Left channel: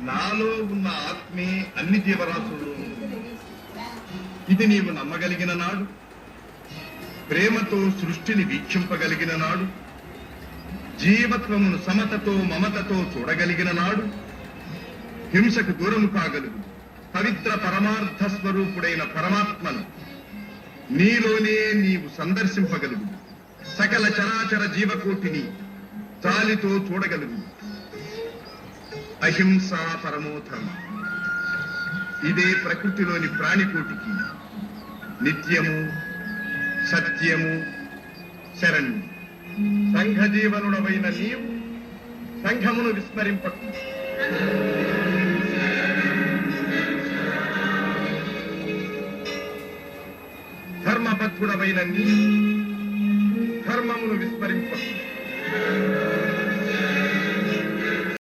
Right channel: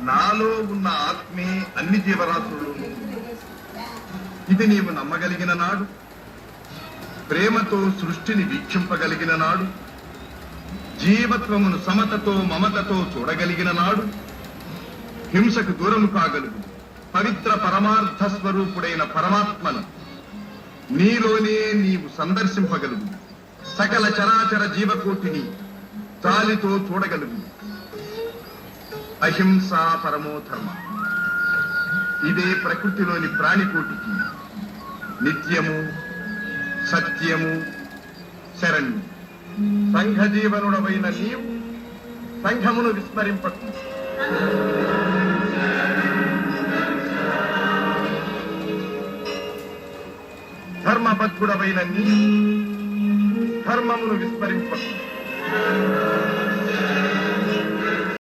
నాలో ఉన్న ఆత్మే అన్ని జీవరాశుల్లోనూ ఉంది. ఇది నీవు నమ్మగలిగిన నాడు, ప్రేమతో సృష్టిని వీక్షింపగలిగిన నాడు, జీవత్వమును సమతతో మమతతో చూడగలిగిన నాడు, హింసకు దూరము కాగలుగు పవిత్ర పరమార్థ స్వరూపుడైన పరమాత్మను నీలోనే నీవు సందర్శింపగలుగు. సకల చరాచర జీవకోటిని జాలితో చూడగలుగు. అహింస పరమో ధర్మ. ఇదే ప్రకృతిలోని ప్రాణికోటికి నిత్యము, సత్యము, శరణ్యం. సంఘ జీవనుడవైన నీవు సంఘమును విస్మరింపకు. ధర్మబద్ధుడవైన నీవు ధర్మమును విస్మరింపకు.